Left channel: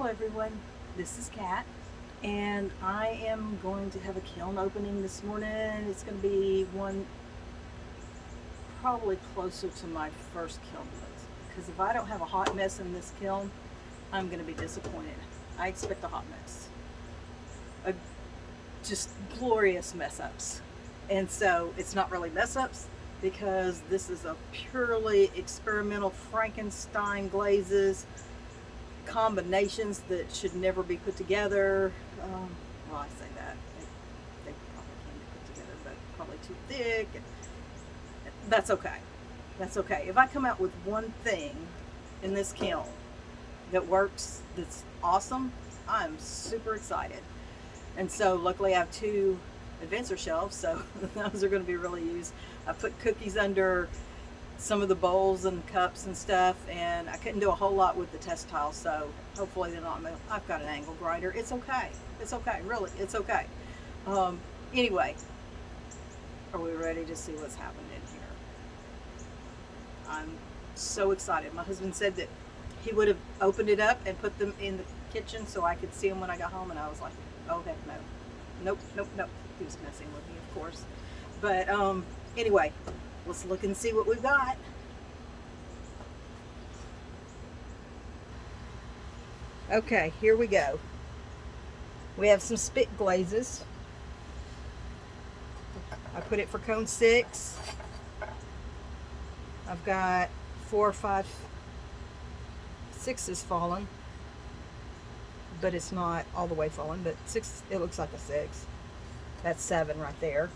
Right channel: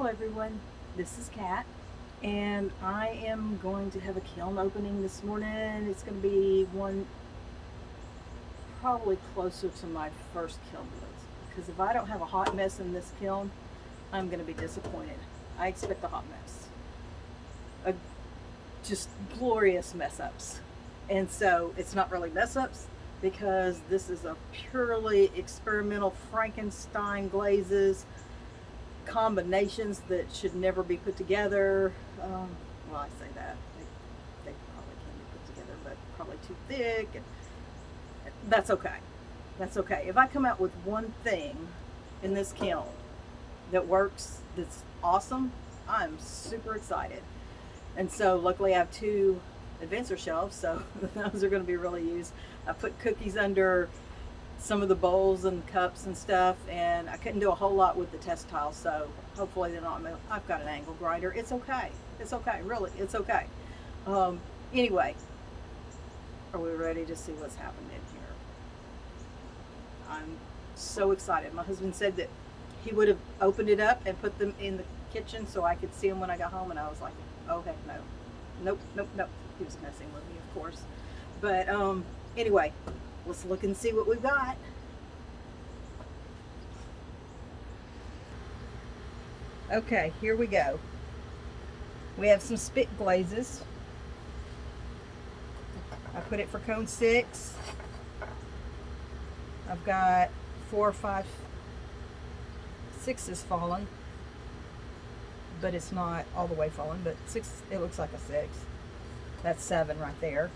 Hello everyone, this is Kat, and I am going to have a kiln opening this morning. It's going to be one probably closer to my first kiln was, because if I don't have a hot mess in this kiln, I'm going to be disappointed. I expect a hot mess, a, just glorious mess ups, and so it's not really mess ups because this is a purely experimental Frankenstein glazes combinations that should never be put together. Well, I say that they probably can be put together, but probably too thick, and that's okay. That's okay. If I come out with one thing in this kiln that works, that's awesome, I'm super excited. And so, luckily, I have two adventure shelves, so those are going to be really used. I put cookies under some of the bowls and cups and stuff, and I couldn't do a whole lot with the test tiles, so hopefully they're not. I've got an angle grinder. It's okay. It's okay. Really, it's okay. Anyway, are we ready to see what's happened in here? I'm so excited. My husband said that he would have opened it up and put them in the kitchen so I could see them when I got home, and I was like, oh heck no. Nope, nope, nope. He was messing with me, of course. But anyway, let's look and see what we've got. Okay, here we go. We have some spit glazes. I put it for cone 6. I've got 4, 5, 6 is fallen, but it's not all the way fallen, but 6, it looks like a 6. That's 7 right there.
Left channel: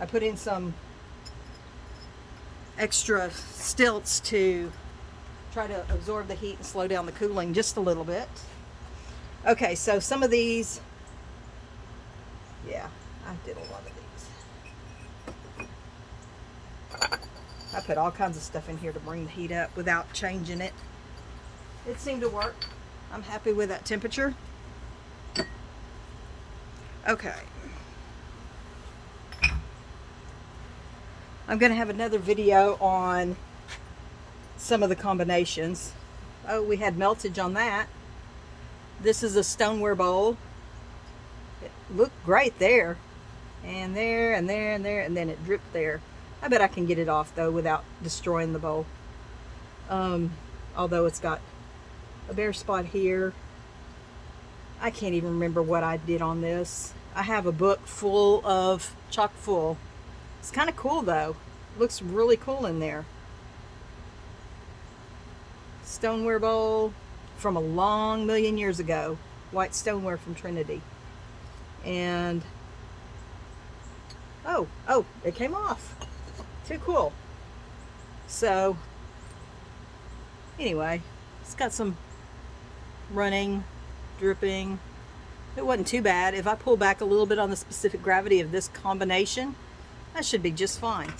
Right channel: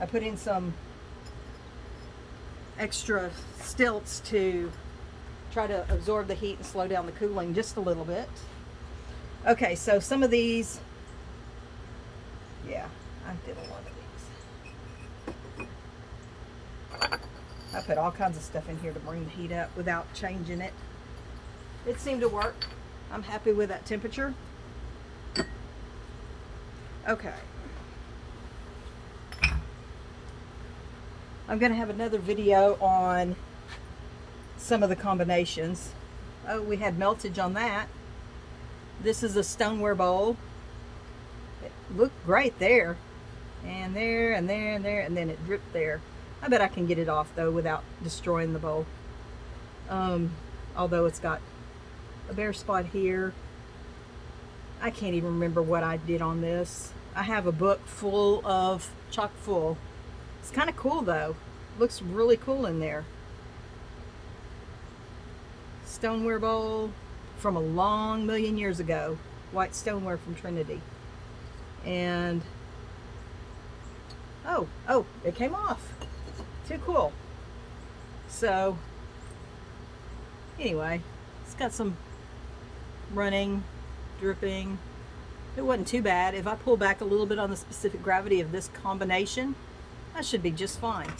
I put in some extra stilts to try to absorb the heat and slow down the cooling just a little bit. Okay, so some of these, yeah, I did a lot of these. I put all kinds of stuff in here to bring the heat up without changing it. It seemed to work. I'm happy with that temperature. Okay. I'm going to have another video on some of the combinations. Oh, we had meltage on that. This is a stoneware bowl. It looked great there. And there, and there, and there, and then it dripped there. I bet I can get it off, though, without destroying the bowl. Although it's got a bare spot here. I can't even remember what I did on this. I have a book full of, chock full. It's kind of cool though. Looks really cool in there. Stoneware bowl from a long million years ago. White stoneware from Trinity. And oh, it came off. Too cool. So anyway, it's got some running, dripping. It wasn't too bad. If I pull back a little bit on the specific gravity of this combination, that should be just fine.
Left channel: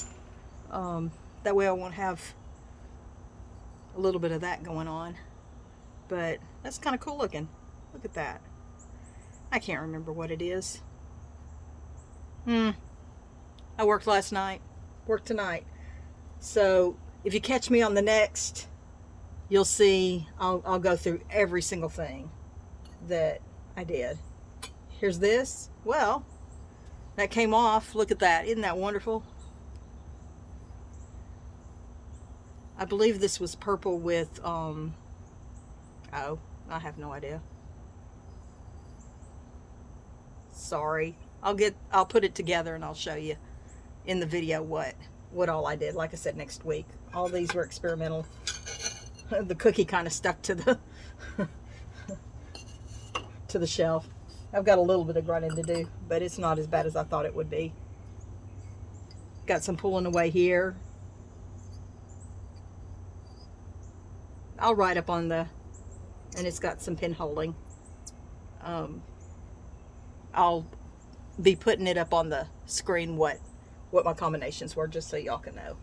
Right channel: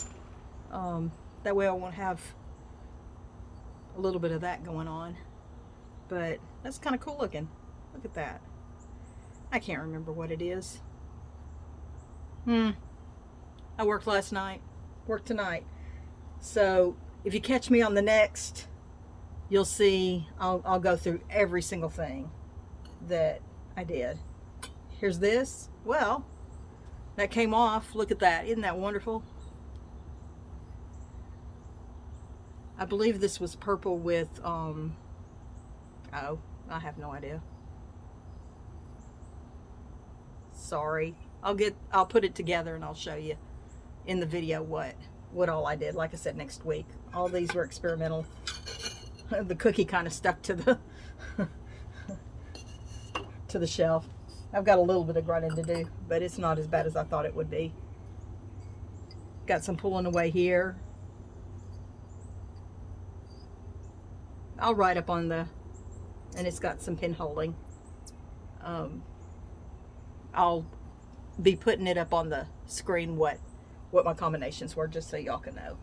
That way I won't have a little bit of that going on. But that's kind of cool looking. Look at that. I can't remember what it is. I worked last night. Worked tonight. So if you catch me on the next, you'll see I'll go through every single thing that I did. Here's this. Well, that came off. Look at that. Isn't that wonderful? I believe this was purple with, oh, I have no idea. Sorry. I'll put it together and I'll show you in the video what all I did. Like I said, next week. All these were experimental. The cookie kind of stuck to the to the shelf. I've got a little bit of grinding to do, but it's not as bad as I thought it would be. Got some pulling away here. I'll write up on the, and it's got some pin holding. I'll be putting it up on the screen what my combinations were, just so y'all can know.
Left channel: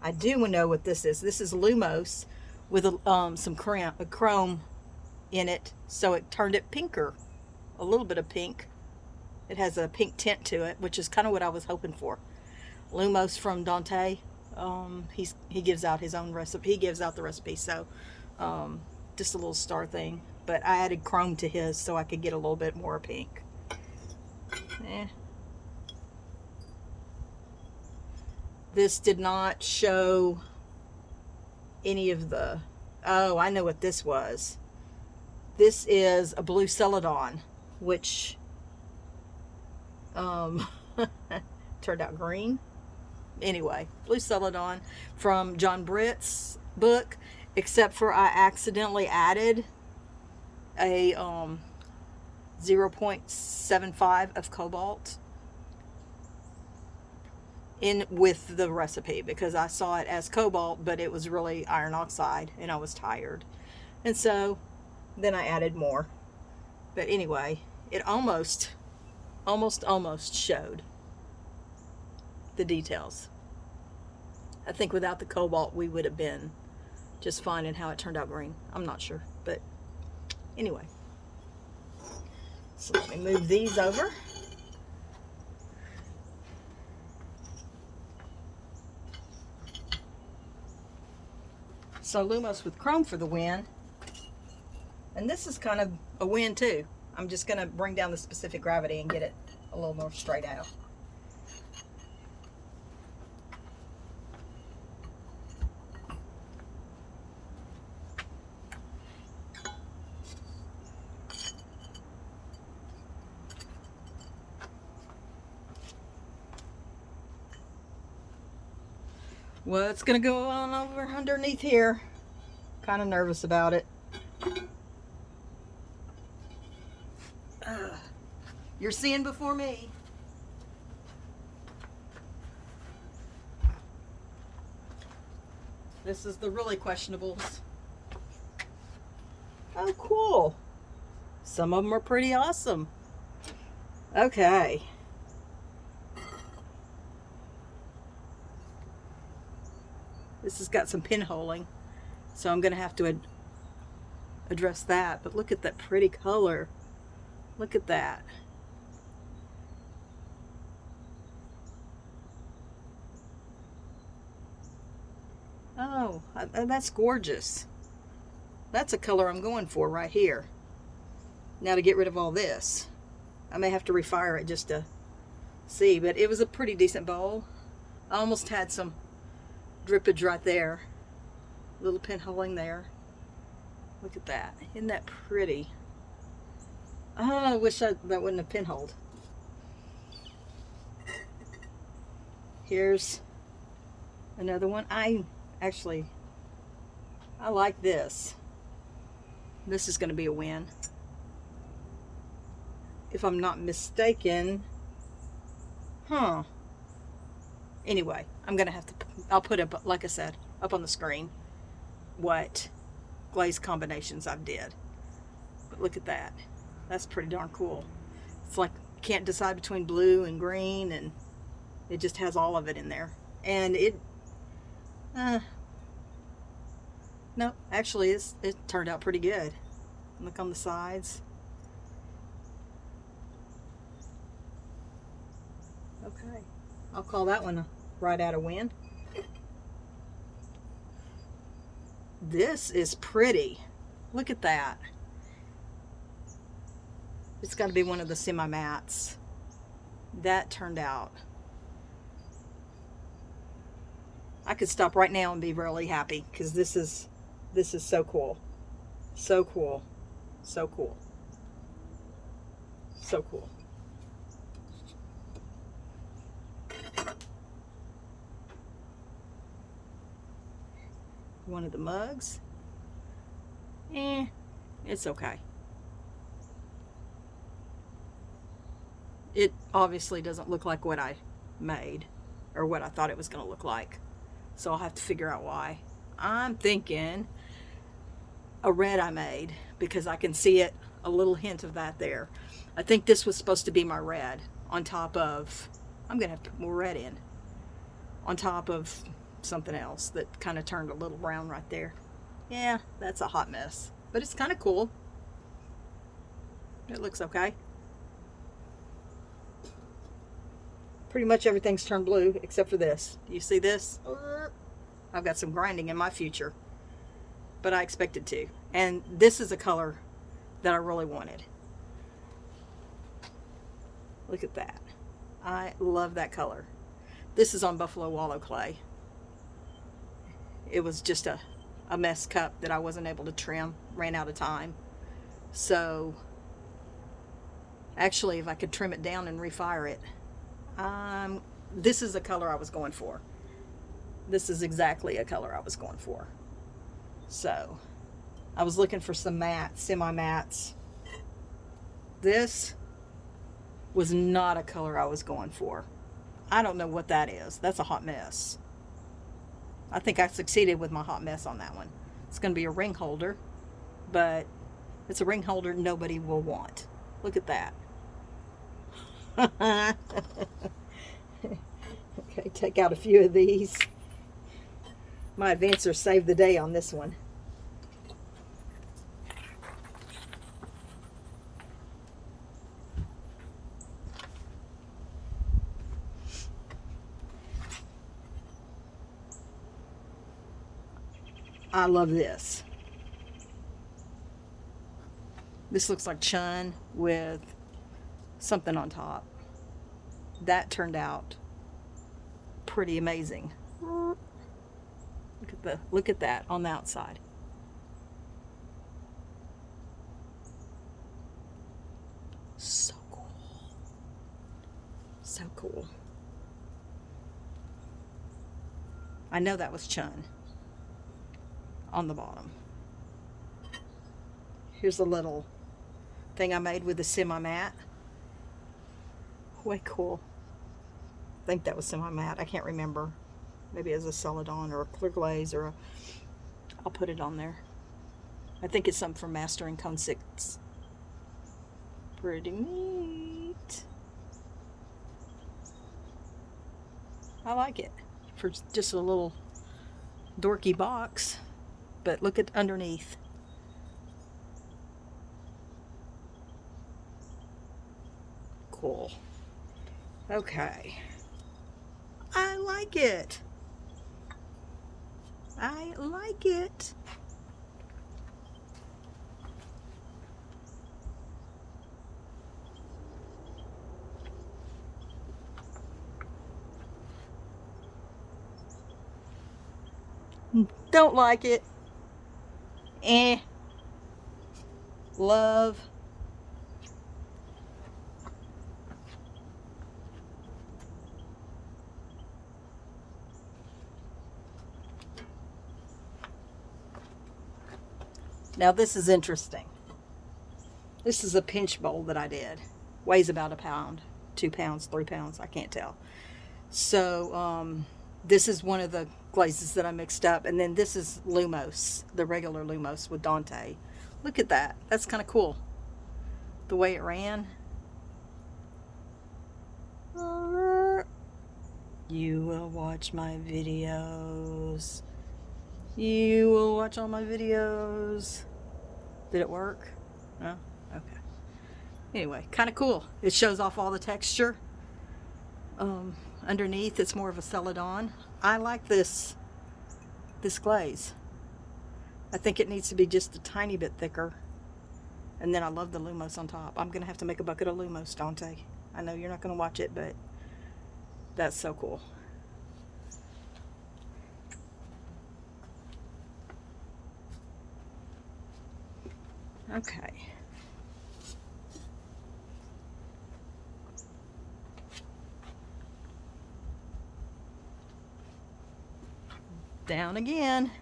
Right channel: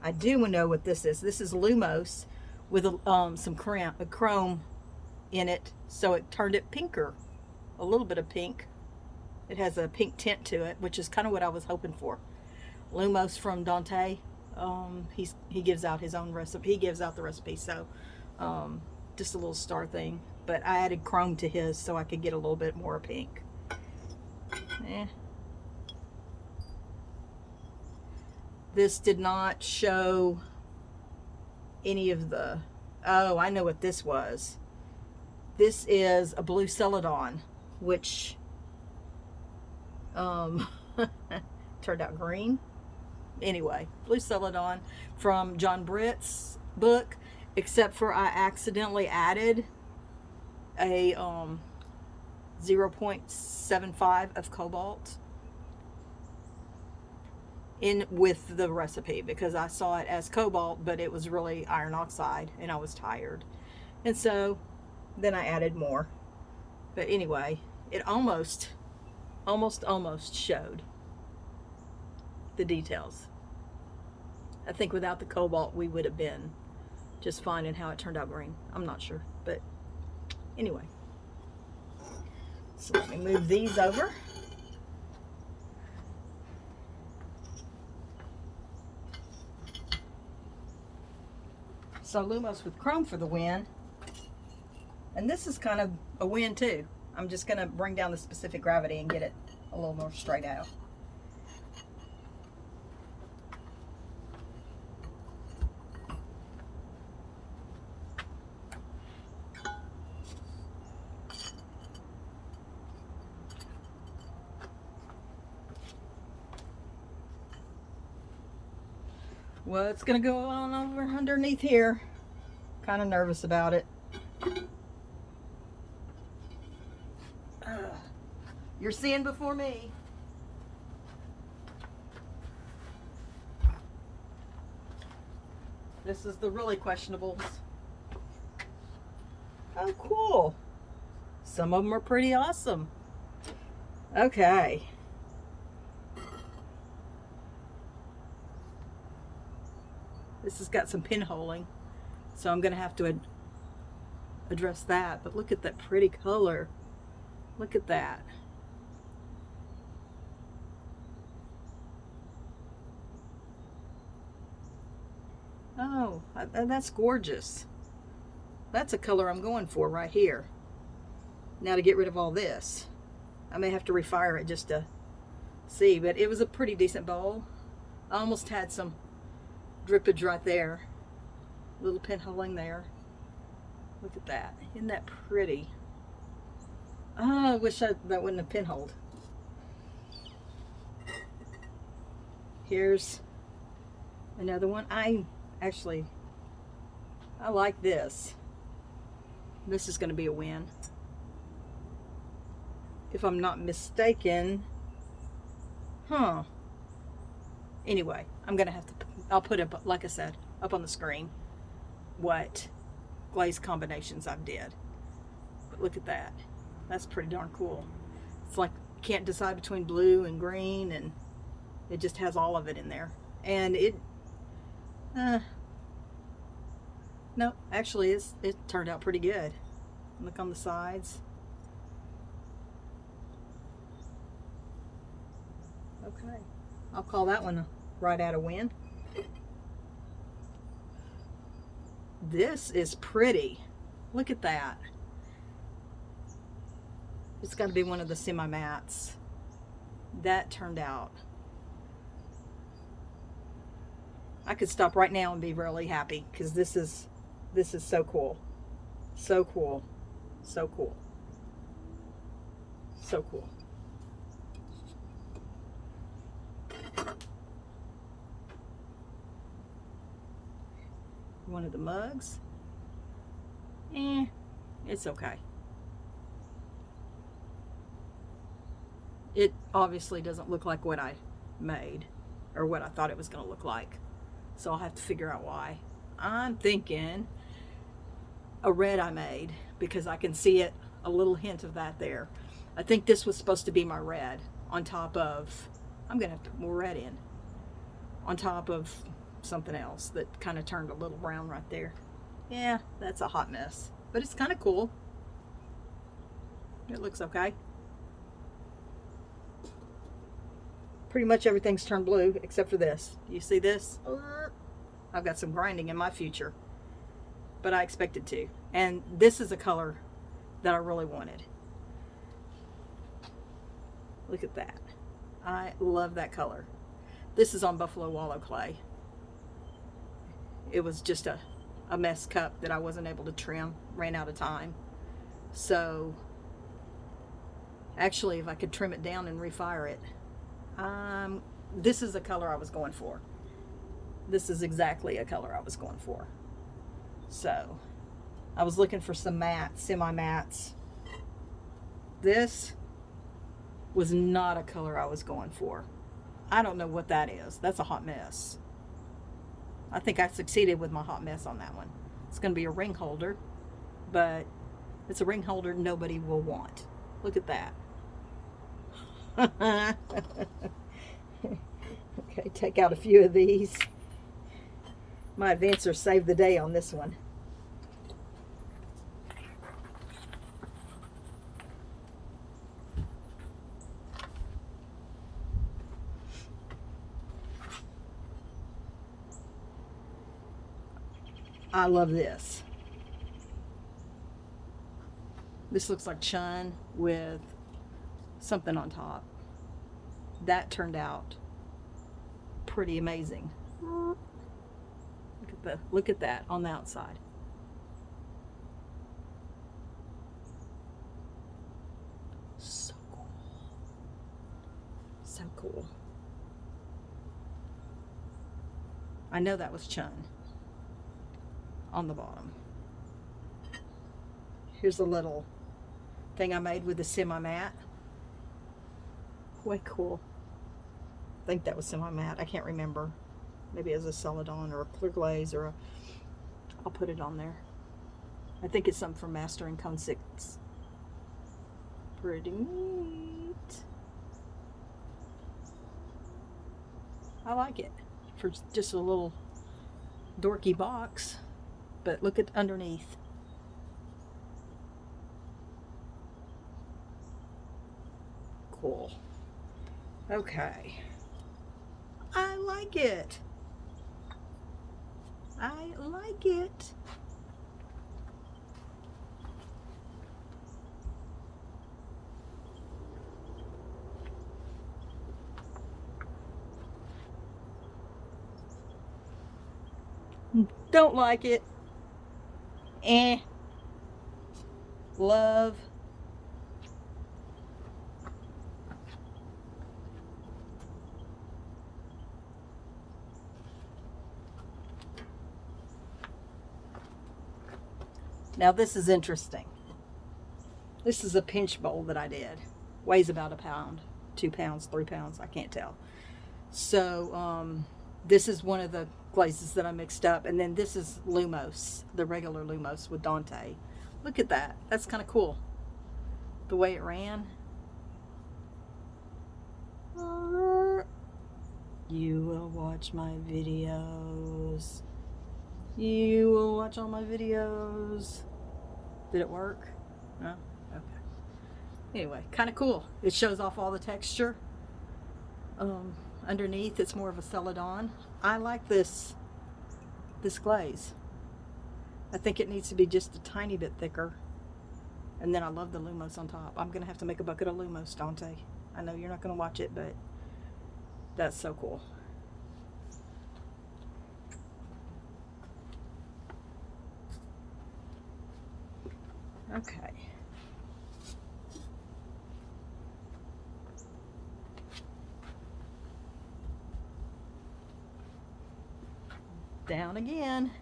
I do know what this is. This is Lumos with some chrome in it, so it turned it pinker, a little bit of pink. It has a pink tint to it, which is kind of what I was hoping for. Lumos from Dante, he gives out his own recipe. He gives out the recipe, so just a little star thing. But I added chrome to his so I could get a little bit more pink. This did not show any of the... Oh, I know what this was. This is a blue celadon, which turned out green. Anyway, blue celadon from John Britt's book, except for I accidentally added a 0.75 of cobalt in with the recipe, because I saw it as cobalt, but it was really iron oxide and I was tired. And so then I added more. But anyway, it almost showed the details. I think without the cobalt we would have been just fine in how it turned out green. I'm not sure, but anyway. So let me move these over. So Lumos with chrome for the win. And this is kind of a win too. I'm just going to bring down the specific gravity and get it a little more straight out. What's going to go on over underneath here? Kind of nervous about it. You're seeing before me. This is the really questionables. Oh, cool. Some of them are pretty awesome. Okay. This has got some pinholing, so I'm going to have to address that. But look at that pretty color. Look at that. Oh, that's gorgeous. That's a color I'm going for right here. Now to get rid of all this, I may have to refire it just to see, but it was a pretty decent bowl. I almost had some drippage right there. Little pinholing there. Look at that. Isn't that pretty? Oh, I wish that wouldn't have pinholed. Here's another one. I like this. This is going to be a win. If I'm not mistaken. Huh. Anyway, I'm going to have to, I'll put up, like I said, up on the screen what glaze combinations I've did. But look at that. That's pretty darn cool. It's like you can't decide between blue and green, and it just has all of it in there. And it, no, actually it turned out pretty good. Look on the sides. Okay, I'll call that one right out of win. This is pretty. Look at that. It's got to be one of the semi-mattes. That turned out. I could stop right now and be really happy, because this is so cool. So cool. So cool. So cool. One of the mugs. It's okay. It obviously doesn't look like what I made or what I thought it was going to look like. So I'll have to figure out why. I'm thinking a red I made, because I can see it, a little hint of that there. I think this was supposed to be my red on top of, I'm going to have to put more red in, on top of something else that kind of turned a little brown right there. Yeah, that's a hot mess, but it's kind of cool. It looks okay. Pretty much everything's turned blue except for this. Do you see this? I've got some grinding in my future. but I expected to. And this is a color that I really wanted. Look at that. I love that color. This is on Buffalo Wallow clay. It was just a mess cup that I wasn't able to trim, ran out of time. So actually, if I could trim it down and refire it, this is the color I was going for. This is exactly a color I was going for. So I was looking for some mattes, semi-mattes. This was not a color I was going for. I don't know what that is. That's a hot mess. I think I succeeded with my hot mess on that one. It's going to be a ring holder, but it's a ring holder nobody will want. Look at that. Okay, take out a few of these. My advancer saved the day on this one. I love this. This looks like Chun with something on top. That turned out pretty amazing. Look at that on the outside. So cool. So cool. I know that was Chun on the bottom. Here's a little thing I made with the semi-matte. Way cool. I think that was semi-matte. I can't remember. Maybe it was a Celadon or a clear glaze or a... I'll put it on there. I think it's something from Mastering Cone 6. Pretty neat. I like it for just a little dorky box. But look at underneath. Cool. Okay. I like it. I like it. Don't like it. Love. Now this is interesting. This is a pinch bowl that I did. Weighs about a pound, 2 pounds, 3 pounds, I can't tell. So this is one of the glazes that I mixed up. And then this is Lumos, the regular Lumos with Dante. Look at that. That's kind of cool. The way it ran. You will watch my videos. You will watch all my videos. Did it work? No? Okay. Anyway, kind of cool. It shows off all the texture. Underneath, it's more of a Celadon. I like this glaze. I think it needs to be just a tiny bit thicker. And then I love the Lumos on top. I'm going to have to make a bucket of Lumos, Dante. I know you're not going to watch it, but that's so cool. Okay. Down again.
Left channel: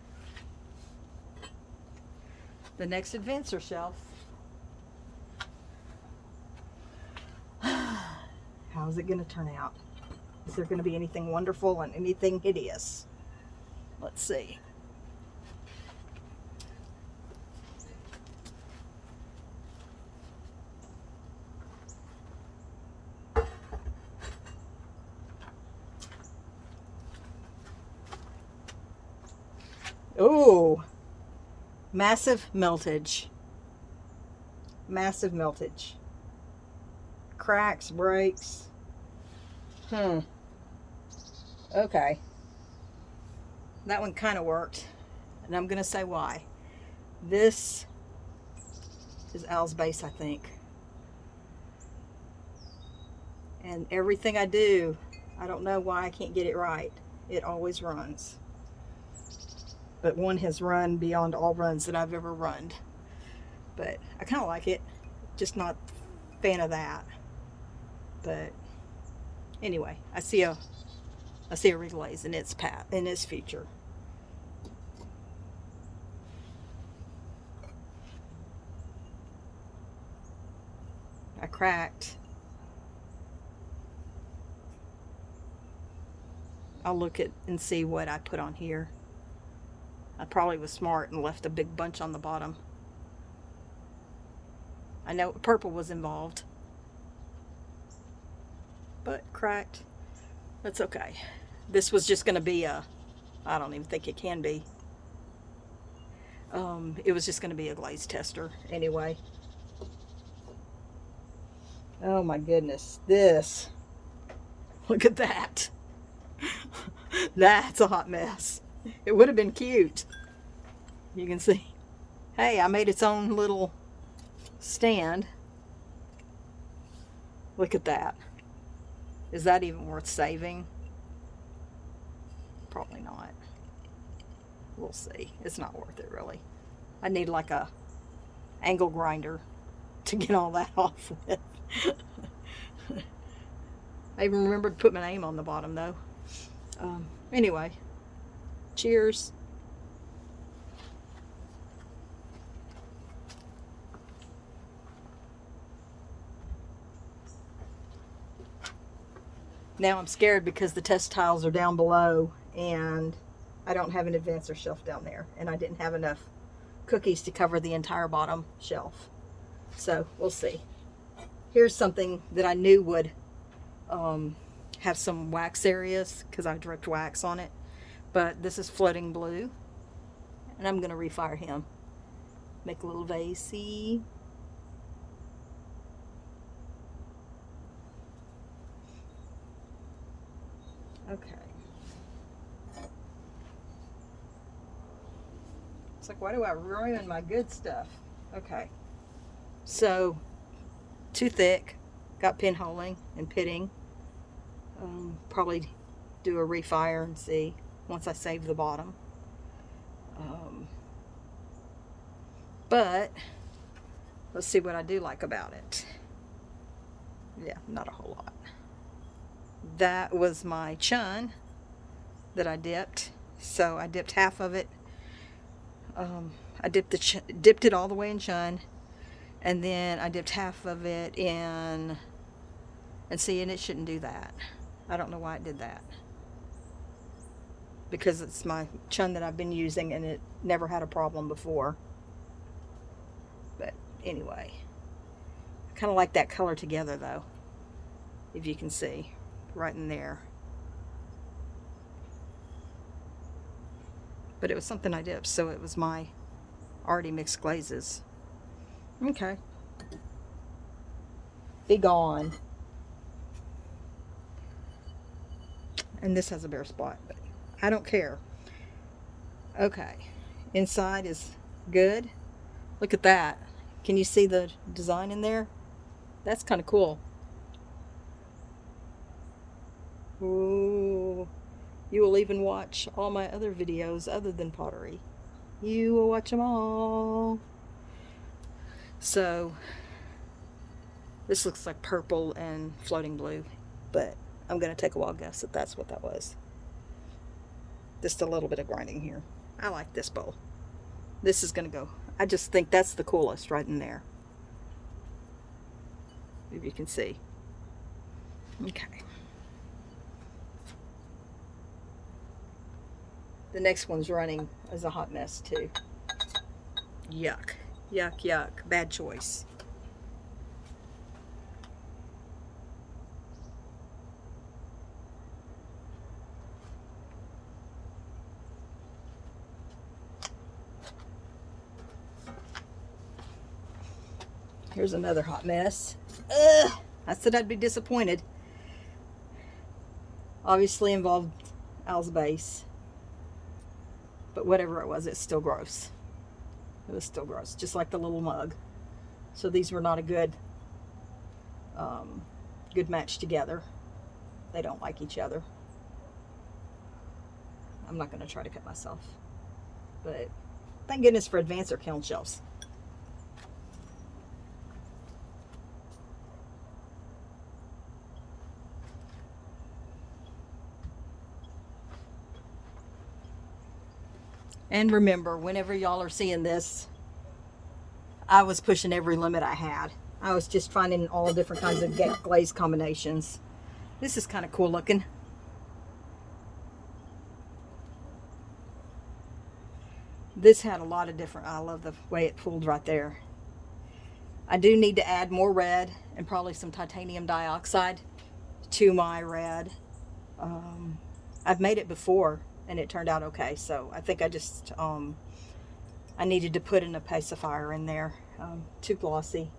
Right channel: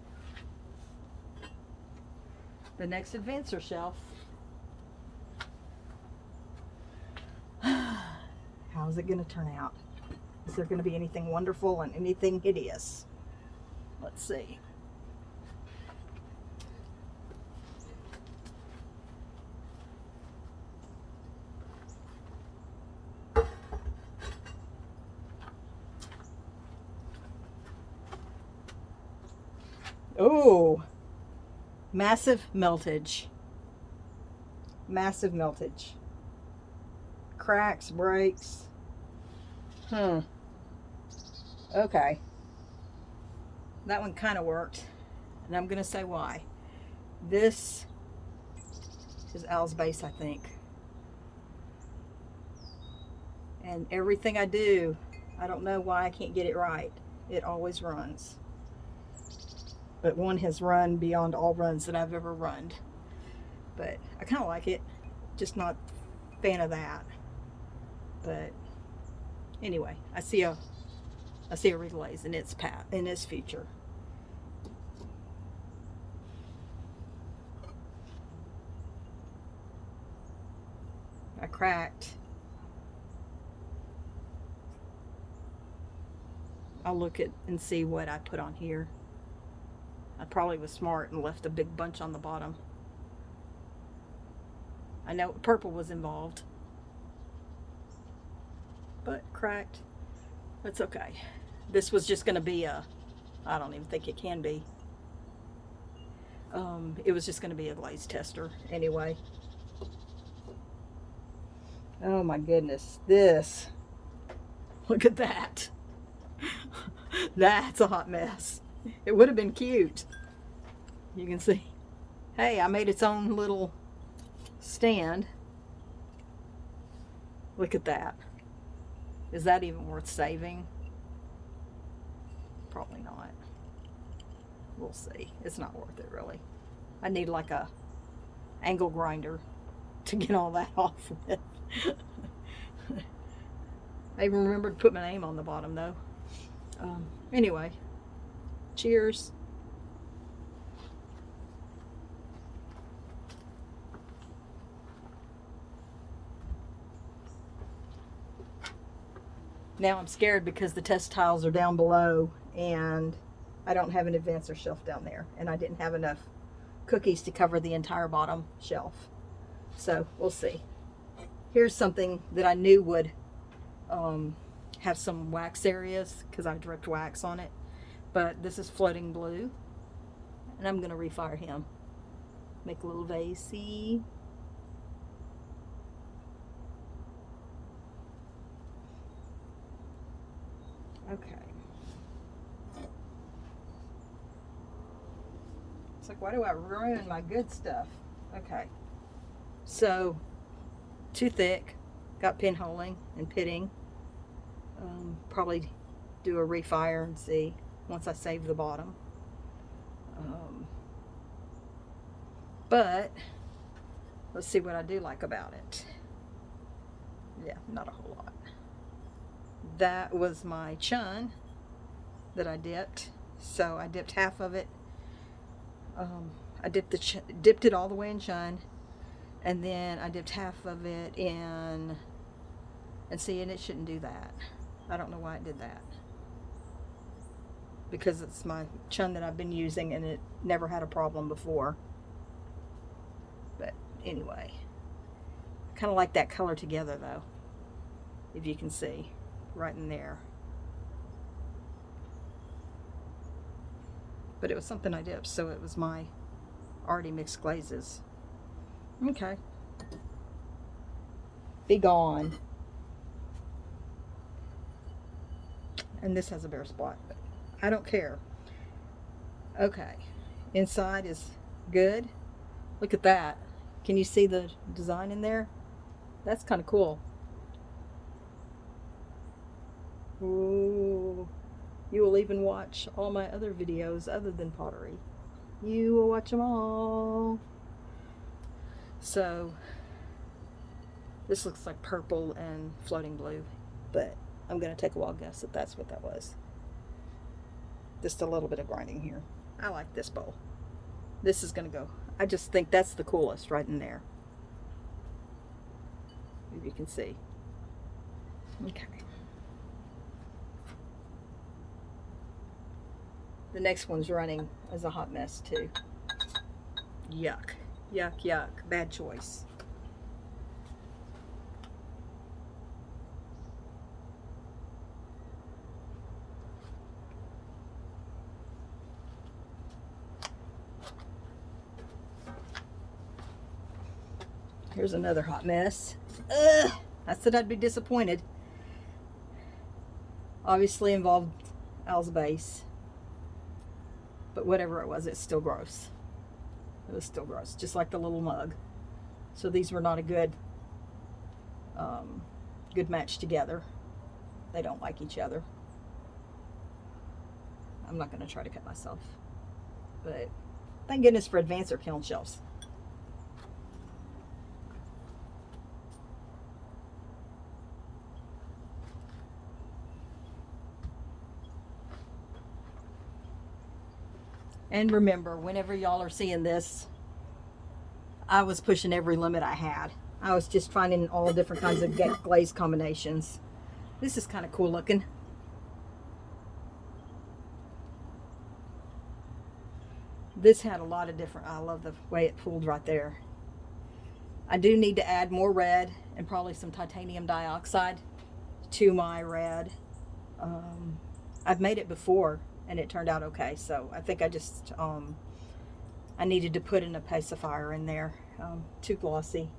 The next advancer shelf. How's it going to turn out? Is there going to be anything wonderful and anything hideous? Let's see. Oh, massive meltage. Massive meltage. Cracks, breaks. Okay. That one kind of worked. And I'm going to say why. This is Al's base, I think. And everything I do, I don't know why I can't get it right. It always runs. But one has run beyond all runs that I've ever run. But I kind of like it. Just not a fan of that. But anyway, I see a reglaze in its future. I cracked. I'll look at and see what I put on here. I probably was smart and left a big bunch on the bottom. I know purple was involved, but cracked. That's okay. This was just going to be a, I don't even think it can be. It was just going to be a glaze tester anyway. Oh my goodness, this. Look at that. That's a hot mess. It would have been cute. You can see. Hey, I made its own little stand. Look at that. Is that even worth saving? Probably not. We'll see. It's not worth it really. I need like a angle grinder to get all that off with. I even remembered to put my name on the bottom though. Anyway, cheers. Now I'm scared because the test tiles are down below and I don't have an advancer shelf down there, and I didn't have enough cookies to cover the entire bottom shelf. So we'll see. Here's something that I knew would have some wax areas because I dripped wax on it. But this is floating blue, and I'm going to refire him. Make a little vasey. Okay. It's like, why do I ruin my good stuff? Okay. So, too thick. Got pinholing and pitting. Probably do a refire and see once I save the bottom. But let's see what I do like about it. Yeah, not a whole lot. That was my Chun that I dipped. So I dipped half of it. I dipped it all the way in Chun, and then I dipped half of it in. And see, and it shouldn't do that. I don't know why it did that. Because it's my Chun that I've been using and it never had a problem before. But anyway, I kind of like that color together though, if you can see right in there. But it was something I dipped, so it was my already mixed glazes. Okay. Be gone. And this has a bare spot, but I don't care. Okay, inside is good. Look at that. Can you see the design in there? That's kind of cool. Ooh, you will even watch all my other videos other than pottery. You will watch them all. So this looks like purple and floating blue, but I'm going to take a wild guess that that's what that was. Just a little bit of grinding here. I like this bowl. This is going to go. I just think that's the coolest right in there. If you can see. Okay. The next one's running as a hot mess too. Yuck. Yuck, yuck. Bad choice. Here's another hot mess. Ugh, I said I'd be disappointed. Obviously involved Al's base. But whatever it was, it's still gross. It was still gross, just like the little mug. So these were not a good good match together. They don't like each other. I'm not going to try to cut myself, but thank goodness for advancer kiln shelves. And remember, whenever y'all are seeing this, I was pushing every limit I had. I was just finding all different kinds of glaze combinations. This is kind of cool looking. This had a lot of different, I love the way it pulled right there. I do need to add more red and probably some titanium dioxide to my red. I've made it before and it turned out okay, so I think I just I needed to put an opacifier in there. Too glossy,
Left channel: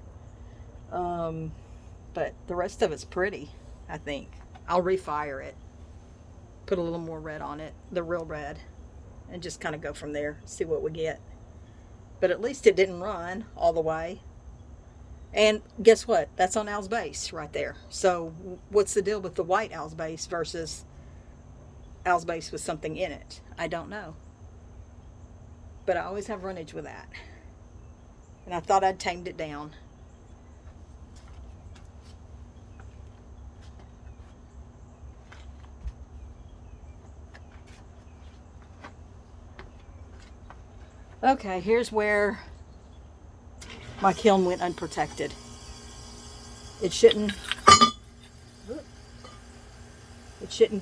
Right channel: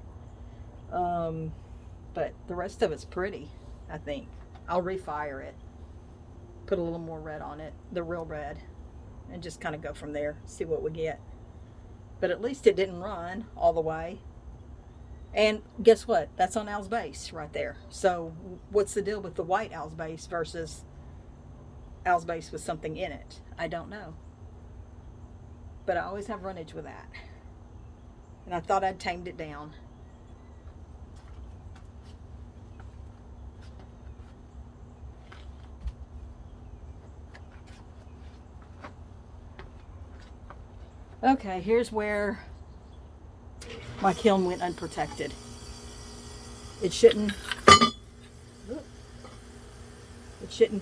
but the rest of it's pretty. I think I'll refire it, put a little more red on it, the real red, and just kind of go from there, see what we get. But at least it didn't run all the way. And guess what? That's on Al's base right there. So what's the deal with the white Al's base versus Al's base with something in it? I don't know. But I always have runnage with that. And I thought I'd tamed it down. Okay, here's where my kiln went unprotected. It shouldn't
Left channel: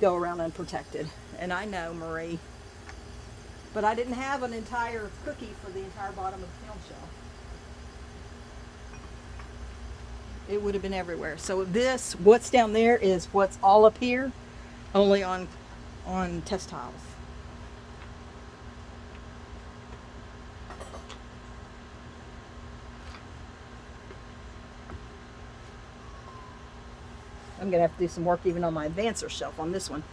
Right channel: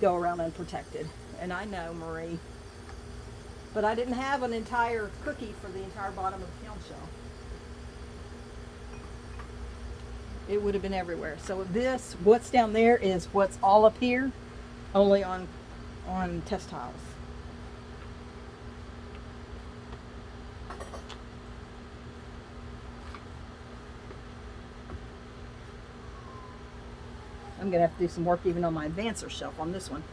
go around unprotected. And I know, Marie, but I didn't have an entire cookie for the entire bottom of the kiln shelf. It would have been everywhere. So this, what's down there is what's all up here, only on test tiles. I'm going to have to do some work even on my advancer shelf on this one.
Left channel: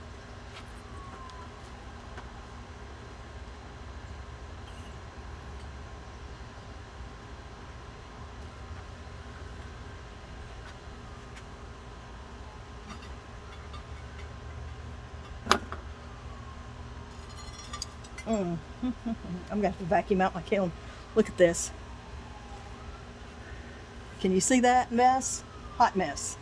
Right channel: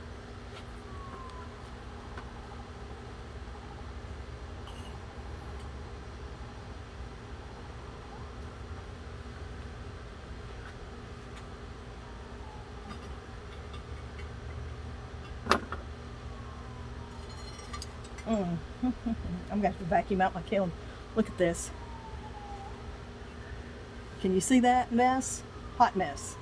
I'm going to have to vacuum out my kiln. Look at this. Can you see that mess? Hot mess.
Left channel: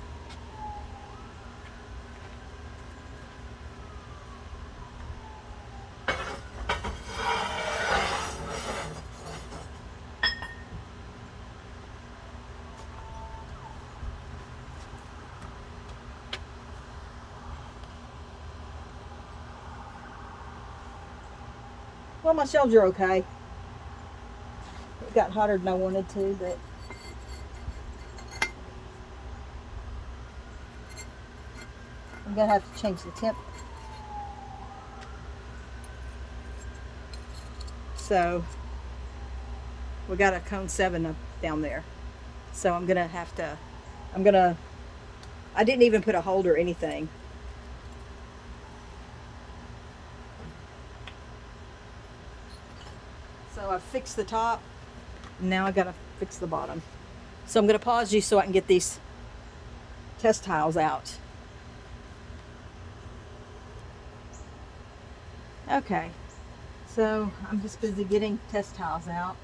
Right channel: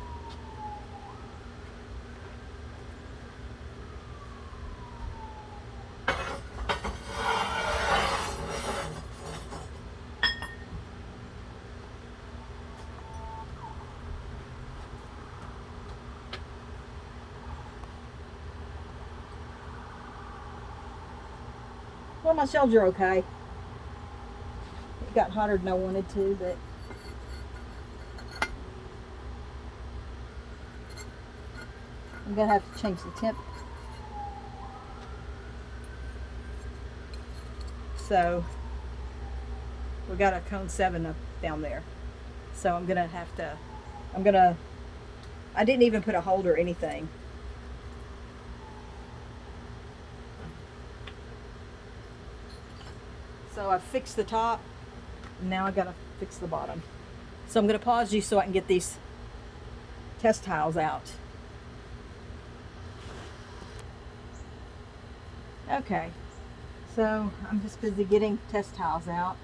Well, my shelves are okay. It got hotter than I wanted to, but I'm going to have to change the temp. So we got a cone 7 up down there. So I'm going to have to, I didn't even put a holder or anything. So I fixed the top, and now I gotta fix the bottom. So I'm gonna pause you so I can get these test tiles out. Okay, so I'm just busy getting test tiles out.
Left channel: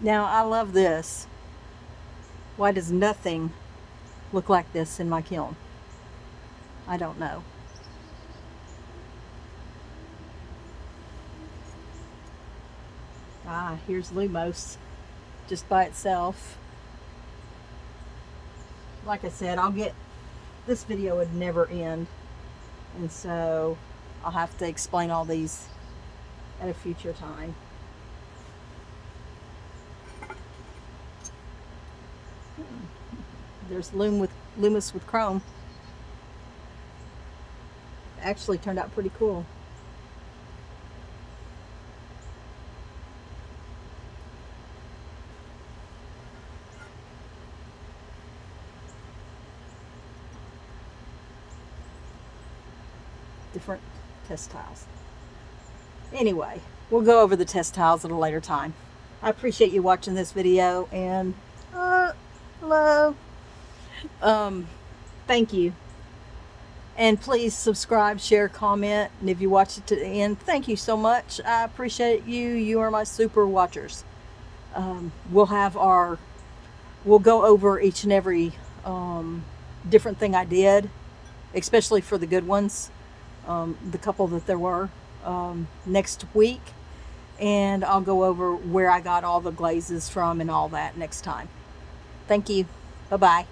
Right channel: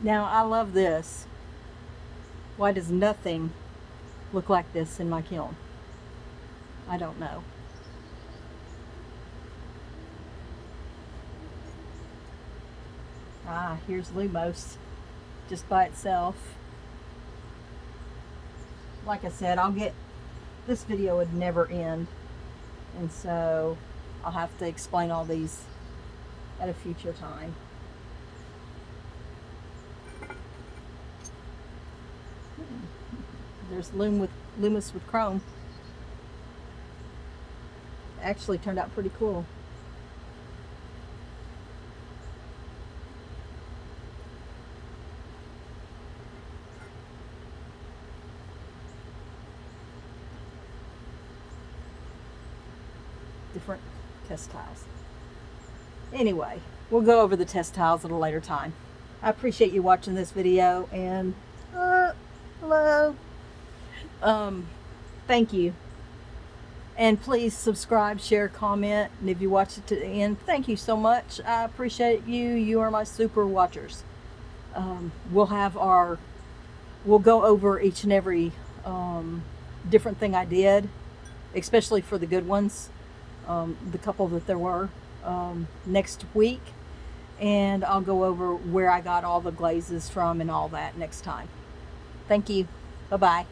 Now I love this. Why does nothing look like this in my kiln? I don't know. Ah, here's Lumos just by itself. Like I said, this video would never end, and so I'll have to explain all these at a future time. There's Lumos with chrome. Actually turned out pretty cool. Different test tiles. Anyway, we'll go over the test tiles at a later time. I appreciate you watching this video, and hello. Thank you. And please subscribe, share, comment, and if you watched it to the end, thank you so much. I appreciate you. You are my super watchers. We'll go over each and every different thing I did, especially for the good ones, the couple that there were, next week. And I'll go over where I got all the glazes from and all that next time. Thank you. Bye-bye.